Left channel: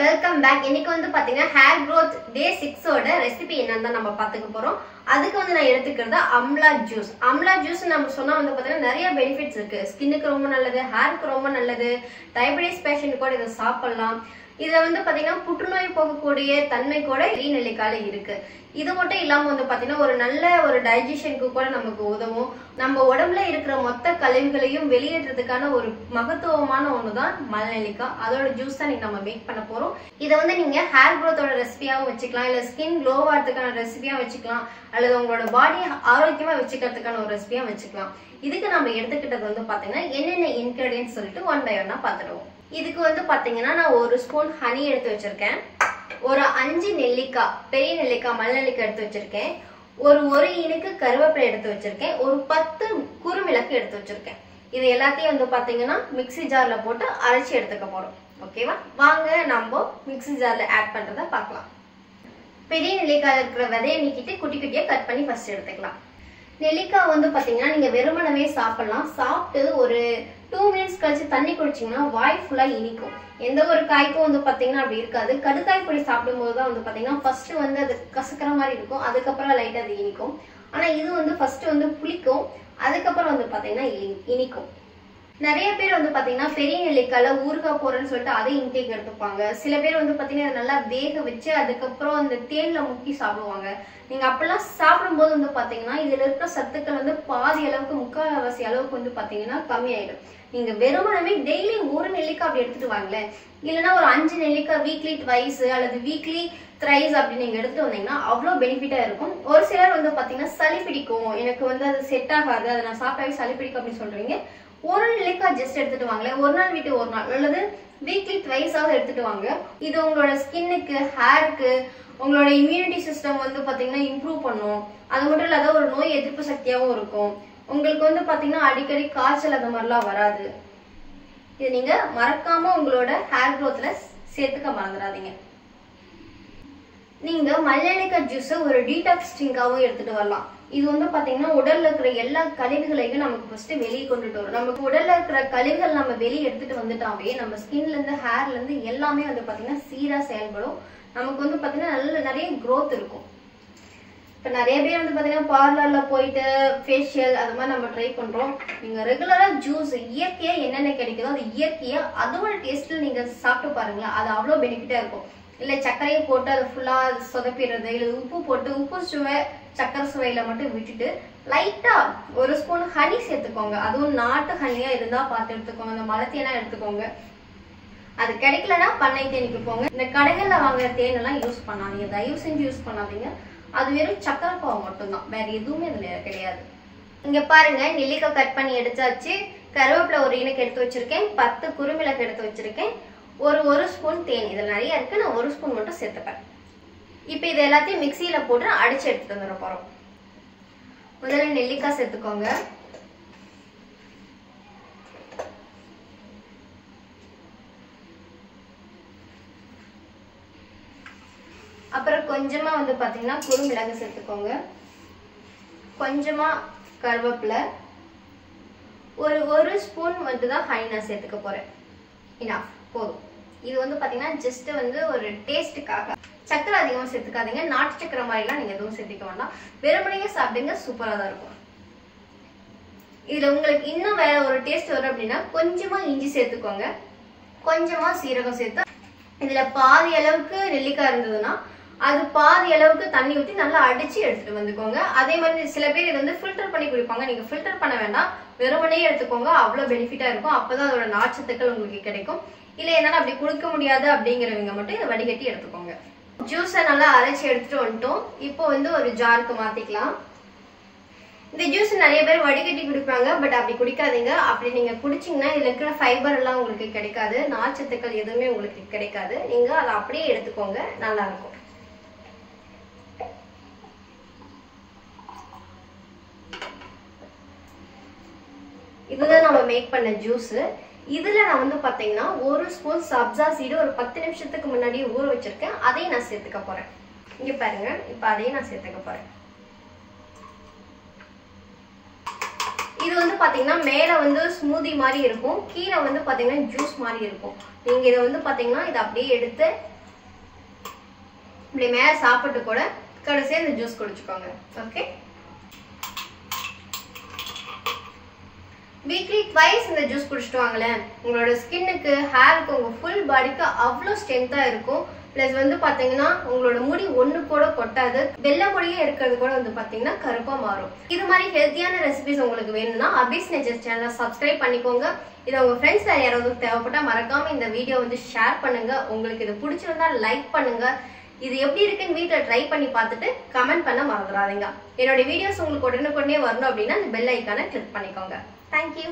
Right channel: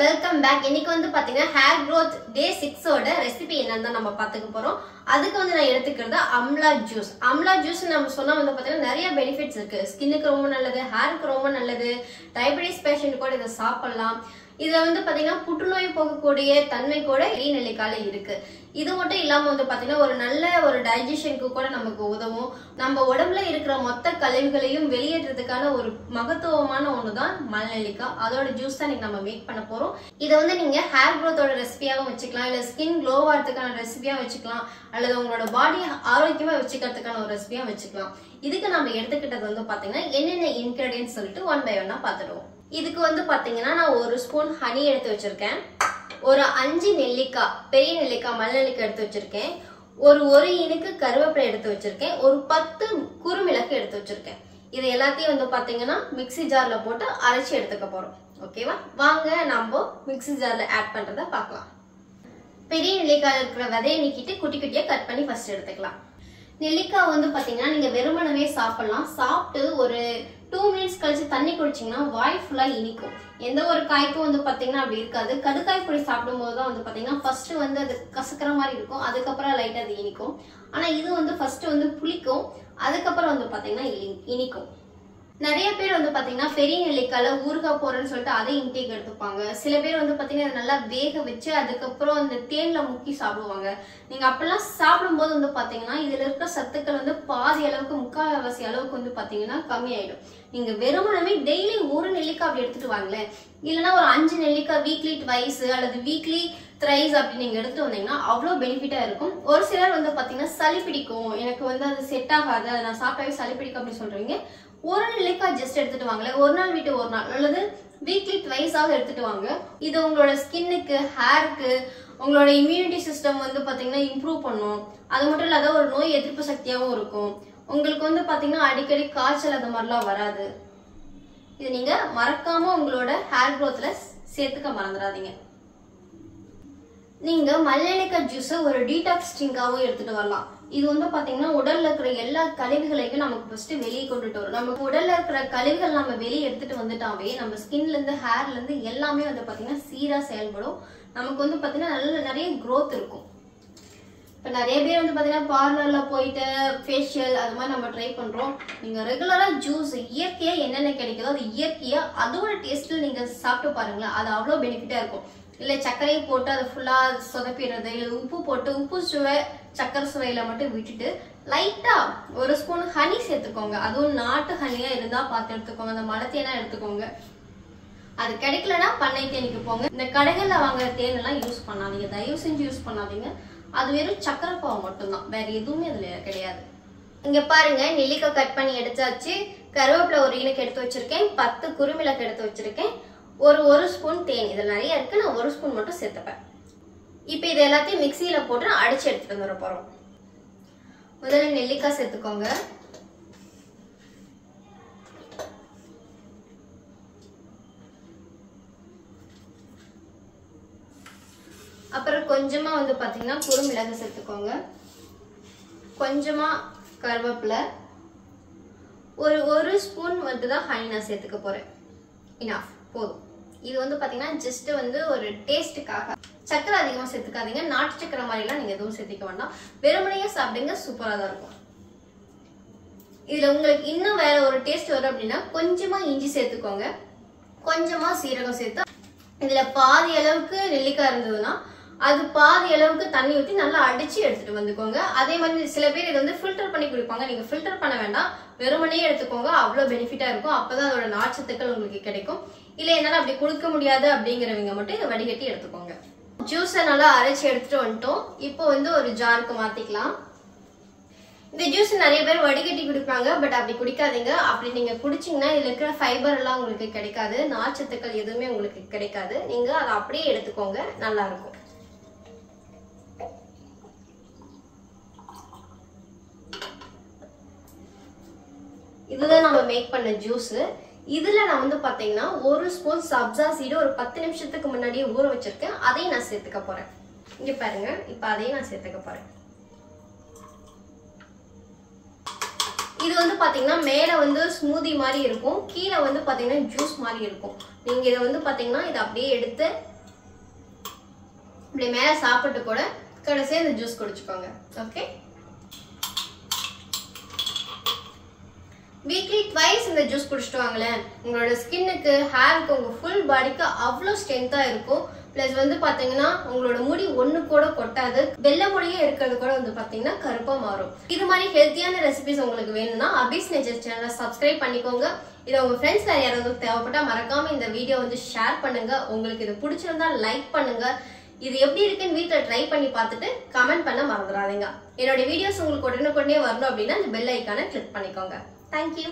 Welcome back. இன்னைக்கு வந்து பாத்தீங்கன்னா ஹேர் growth டே 6 ஓட ரெசிபி என்னன்னு தான் நம்ம பாத்துக்க போறோம். அதுக்கு வந்து நான் எடுத்துக்கிறது அம்லா ஜூஸ். அம்லா ஜூஸ் நம்ம சொன்னா வந்து பாத்தீங்கன்னா நிறைய பெனிஃபிட்ஸ் இருக்கு. ஸ்கின்னுக்கு ரொம்ப நல்லது, ஹேருக்கு ரொம்ப நல்லது. டயபெட்டிஸ் பேஷண்ட் கூட இதை சாப்பிடலாம். இதுல வந்து பாத்தீங்கன்னா புற்றுநோய் போகக்கூடிய தன்மை கூட நெல்லிக்காயில இருக்கு. இது மட்டும் இல்லாம வந்து பாத்தீங்கன்னா ஒரு நல்ல ஒரு டைஜஷனுக்கு கூட நமக்கு உதவும். நம்ம உடம்புல இருக்கிற மொத்த கழிவுகளையும் வெளியேற்றதுக்கான ஒரு மகத்துவமான ஒண்ணுதான் மலநெல்லிக்காய். அதோட ஜூஸ் தான் நம்ம மேக் பண்ண போறோம். இதை வந்து நீங்க ஹேர் growthோட ரெசிபியாவும் வச்சுக்கலாம், இல்ல ஸ்கின் க்ளோ ஆகிறதுக்கான ரெசிபியா வச்சுக்கலாம், அல்லது உங்களோட பாடியை ஆரோக்கியமா வச்சுக்கிறதுக்கான ஒரு ரெசிபியா வச்சுக்கலாம். இதுக்கு நம்ம எடுத்துக்கிட்டது வந்து பாத்தீங்கன்னா என்னென்ன இன்கிரிடியன்ஸ் சொல்லிட்டு ஒன் பை ஒன்னா பாத்துடுவோம். இதுக்கு வந்து பாத்தீங்கன்னா நான் 1 ஸ்பூன் ஹனி எடுத்து வச்சிருக்கேன், ஒரு 5 நெல்லிக்காய், பெரிய நெல்லிக்காய் மலநெல்லிக்காய் எடுத்து வச்சிருக்கேன், ஒரு இனுக்கு கருவேப்பிலை எடுத்து வச்சிருக்கேன், ஒரு 10 குறுமிளகு எடுத்து வச்சிருக்கேன். இது எல்லாத்தையும் வந்து பாத்தீங்கன்னா மிக்ஸி ஜார்ல போட்டு அரைச்சி எடுத்துக்க போறோம். ஓகேவா? வாங்க நம்ம மிக்ஸி ஜார்ல ஆட் பண்றத பார்க்கலாம். பெரிய நெல்லிக்காய் இருக்கிற விதையை நீக்கிட்டு குட்டி குட்டியா கட் பண்ணி ஃபர்ஸ்ட் எடுத்துக்கலாம். நெல்லிக்காய் வந்து பாத்தீங்கன்னா நீங்க வெறுமனவே சாப்பிடலாம். சாப்பிட்டு ஒரு 2 மினிட்ஸ் கழிச்சு தண்ணி குடிச்சிங்கன்னா வாய் ஃபுல்லா இனிக்கும். எந்த ஒரு காய்க்கும் வந்து பாத்தீங்கன்னா அப்படி இருக்காது. கடுக்காய் பொடி சாப்பிடும் போதுதான் வந்து பாத்தீங்கன்னா ஃபர்ஸ்ட் வந்து அது கசக்கிற மாதிரி இருக்கும், அதுக்கப்புறம் லைட்டா அது இனிக்கும். ஆனா இது வந்து ஃபர்ஸ்ட் வந்து புளிக்கும், அதுக்கப்புறம் வந்து பாத்தீங்கன்னா இனிக்கும். நிறைய பேர் வந்து பாத்தீங்கன்னா பெரிய நெல்லிக்காயில ஊறுகாய் போறேன்னு சொல்லிட்டு அதை இன்டேக் எடுத்துப்பாங்க. சில பேர் வந்து பாத்தீங்கன்னா நல்லா வேக வச்சு அதுக்கப்புறம் அந்த தேன்ல முக்கி சாப்பிடுவாங்க. நீங்க அப்பெல்லாம் சாப்பிடும்போது வந்து பாத்தீங்கன்னா இதுல இருக்கிற சத்துக்கள் வந்து பாதி அளவுக்கு, முக்கால்வாசி அளவுக்கு வந்து பாத்தீங்கன்னா கம்மியாயிடும். நீங்க வெறுமனவே டெய்லி ஒரு நெல்லிக்காய் அப்படி எடுத்துட்டு வாங்களேன், இல்லைன்னா ஒரு 5 நெல்லிக்காய் வீக்லி ட்வைஸ் அல்லது வீக்லி த்ரைஸ் அப்படி நீங்க எடுத்துட்டு வந்தீங்கன்னா அவ்வளவு பெனிஃபிட்டா இருக்கும். ஒரு சிலர் வந்து பாத்தீங்கன்னா சளி பிடிக்கும், எனக்கு வந்து அது செட் ஆகாது, அதை நான் சாப்பிட்டாவே சளி பிடிக்கும் அப்படின்னு சொல்றீங்க. ஒரு நெல்லிக்காய் ஜஸ்ட் எடுத்துட்டு வாங்களேன், ஒரு நாள் விட்டு ஒரு நாள் அல்லது வீக்லி ட்வைஸாவது எடுத்துட்டு வாங்க. இது உங்களோட ஸ்கின்னுக்கு, ஹேருக்கு, உங்களோட இம்யூனிட்டி சிஸ்டம் வந்து பாத்தீங்கன்னா இம்ப்ரூவ் பண்ணும். அது மட்டும் இல்லாத ஒரு நோய் எதிர்ப்பு சக்தியாகவும் இருக்கும். உங்களுக்கு வந்து பாத்தீங்கன்னா அடிக்கடி காய்ச்சல் அது மாதிரிலாம் வராது. இது நீங்க மறக்காம உங்களோட ஹேர் growthல சேர்த்துக்க மறந்துடாதீங்க. நீங்க மலநெல்லிக்காய் ஜூஸ் ஒரு டீடாக்ஸ் ட்ரிங்காவும் எடுத்துட்டு வரலாம். இது வந்து பாத்தீங்கன்னா உடல்ல இருக்கிற எல்லா கழிவுகளையும் நமக்கு ஃபர்ஸ்ட் வெளியே கொண்டுட்டு வரும். நமக்கு உடல்ல இருக்கிற கழிவுகள் நம்ம வெளியே எடுத்துட்டு வந்துட்டாவே நம்ம ஸ்கின்ல இருந்து ஹேர்ல இருந்து எல்லாமே வந்து பாத்தீங்கன்னா சீரா செயல்படும். நமக்கு வந்து பாத்தீங்கன்னா நிறைய growth இருக்கும். இப்ப நிறைய பேர் வந்து பாத்தீங்கன்னா பார்லர்ல போயிட்டு ஃபேஷியல் அது மாதிரி நம்ம ட்ரை பண்றோம். நீங்க ரெகுலரா ஜூஸ் இயற்கையா என்னென்ன கிடைக்குதோ அது இயற்கையா அதோட டேஸ்ட்ல நீங்க சாப்பிட்டு பாருங்களேன், அது அவ்வளவு பெனிஃபிட்டா இருக்கும். இல்ல சர்க்கரையை போட்டு அதை ஃபுல்லா சொதப்பிடுறது, இல்ல உப்பு போட்டு உப்பு சுவை சக்கரை சுவையில மட்டும் விட்டுட்டு லைட்டா 1 ஸ்பூன் ஹனி சேர்த்துக்கோங்க. அதுவும் நாட்டு ஹனியா இருந்தா பார்த்து எடுத்துக்கோங்க, அந்த மலை தேனா எடுத்துக்கோங்க. அது கிடைக்கலன்னா பண்ணை தேனிக்கு போங்க. இந்த கடைகள்ல வாங்குற தேன் எல்லாம் யூஸ் பண்ணாதீங்க, தயவு செஞ்சு யூஸ் பண்ணாதீங்க. அது வெறும் சக்கரை பாவம் மட்டும்தான், வேற எதுவுமே அதுல கிடையாது. இங்க பாருங்க, நெல்லிக்காய் கட் பண்ணி எடுத்தாச்சு, கருவேப்பிலை ஒரு இனுக்கு எடுத்து வச்சிருக்கேன், 10 குறுமிளகு எடுத்து வச்சிருக்கேன், ஒரு ஸ்பூன் தேன். இதுல நிறைய இருக்கு, நான் 1 ஸ்பூன் மட்டும் சேர்த்துப்பேன். இப்ப இது எல்லாத்தையும் மிக்சியில போட்டு அடிச்சு எடுத்துட்டு வந்துட போறோம். முதல்ல நெல்லிக்காய் சேர்த்துக்கோங்க, அப்புறம் கொஞ்சமா வந்து பாத்தீங்கன்னா குறுமிளகு சேர்த்துக்கோங்க, கொஞ்சமா கருவேப்பிலை, ஒரு ஸ்பூன் வந்து தான் ஹனி நான் சேர்த்துக்க போறேன். இனஃப், போதும். இது வந்து பாத்தீங்கன்னா ஜஸ்ட் வந்து ஒரு டேஸ்ட்டுக்காக. சக்கரை அதிகமா சேர்த்துக்காதீங்க, நாட்டு சக்கரை மாதிரிலாம் நீங்க எதுவும் சேர்த்துக்க வேண்டாம், வெறுமனையே சாப்பிடுங்க, சூப்பரா தான் இருக்கும். இதுல உங்களுக்கு இன்னும் வேற ஒரு டேஸ்ட் வரும் அப்படின்னா கொஞ்சமா இஞ்சி சேர்த்துக்கோங்க, கொஞ்சமா சீரகம் சேர்த்து, இதுல பாதி அளவுக்கு நெல்லிக்காய் இருந்ததுன்னா அது பாதி அளவுக்கு தண்ணி ஊற்றி நல்லா அடிச்சு எடுத்துட்டு வந்துக்கோங்க. அதே மாதிரி சில பேர் இதை வந்து ஃபில்டர் பண்ணி குடிப்பாங்க, நீங்க ஃபில்டர் பண்ண வேண்டாம், வெறுமனே எடுத்துக்கோங்க, அவ்வளவு பெனிஃபிட்டா இருக்கும். அப்பதான் அதோட நார்ச்சத்துக்கள் உங்களுக்கு கிடைக்கும். இல்ல என்னால அப்படி குடிக்க முடியாது அப்படிங்கிறவங்க மட்டும் இதை வடிகட்டி எடுத்துக்கோங்க. ஜூஸை நல்லா அரைச்சி எடுத்துட்டு வந்துட்டோம். இப்போ வந்து ஒரு ஜாருக்கு மாத்திக்கலாம். இந்த ஜூஸ் நிறைய பேர் வடிகட்டி குடிப்பாங்க, பட் அப்படி குடிக்காதீங்க. அப்படி நீங்க குடிச்சீங்கன்னா இதுல இருக்கிற ஃபைபர் எல்லாம் உங்களுக்கு கிடைக்காது, நார்ச்சத்துக்கள் எதுவுமே உங்களுக்கு கிடைக்காது. நீங்க அதை அப்படியே எடுத்துக்கோங்க, நல்லா இருக்கும். இதுதான் நம்ம மேக் பண்ண ஜூஸ். இதுல நான் வந்து பாத்தீங்கன்னா 1 ஸ்பூன் சப்ஜா சீடு ஒரு 10 நிமிஷத்துக்கு முன்னாடியே ஊற வச்சிருக்கேன், அதையும் நான் சேர்த்துக்க போறேன். இங்க பாருங்க, இப்ப அதையும் நான் சேர்த்துக்க போறேன். இது வந்து பாத்தீங்கன்னா மேல வந்து ஸ்மூதி மாதிரி இருக்கும், கீழே வந்து பாத்தீங்கன்னா ஜூஸ் மாதிரி இருக்கும். நீங்க இதை வந்து பாத்தீங்கன்னா இதை அப்படியே எடுத்து இப்படி மேல சாப்பிட்டு கூட கடைசியா இந்த ஜூஸ் குடிச்சுக்கோங்க. ஓகே, வீக்லி ட்வைஸ் இந்த ஜூஸ் குடிச்சிட்டு வாங்களேன். உங்களோட ஸ்கின்னுக்கு, ஹேருக்கு, உங்க ஃபுல் பாடிக்கு அவ்வளோ ஸ்ட்ரென்த்தா இருக்கும். பிளஸ் வந்து பாத்தீங்கன்னா உங்களோட முடி ஒண்ணு கூட கொட்டாது, வெள்ளை முடியே இருக்கிறது கூட வந்து பாத்தீங்கன்னா கருப்பா மாறும். இது மாதிரி ஹெல்த்தியான ரெசிபிஸ் உங்களுக்கு வேணும்னா அபிஸ் நேச்சர் சேனலை சப்ஸ்கிரைப் பண்ணிக்கோங்க. இதை உங்க ஃப்ரெண்ட்ஸ் வேற யாராவது தேவைப்பட்டா மறக்காம இந்த வீடியோ வந்து ஷேர் பண்ணுங்க. உங்களுக்கு இது பிடிச்சிருந்தா லைக் பண்ணுங்க. இது எப்படி இருக்குன்னு வீட்டில் ட்ரை பண்ணி பார்த்துட்டு கமெண்ட் பண்ண மறந்துடாதீங்க. என்னோட வீடியோஸ் உங்களுக்கு உடனுக்குடனே வரணும் அப்படின்னா இந்த பெல் ஐக்கானை கிளிக் பண்ணிக்கோங்க. Thank you.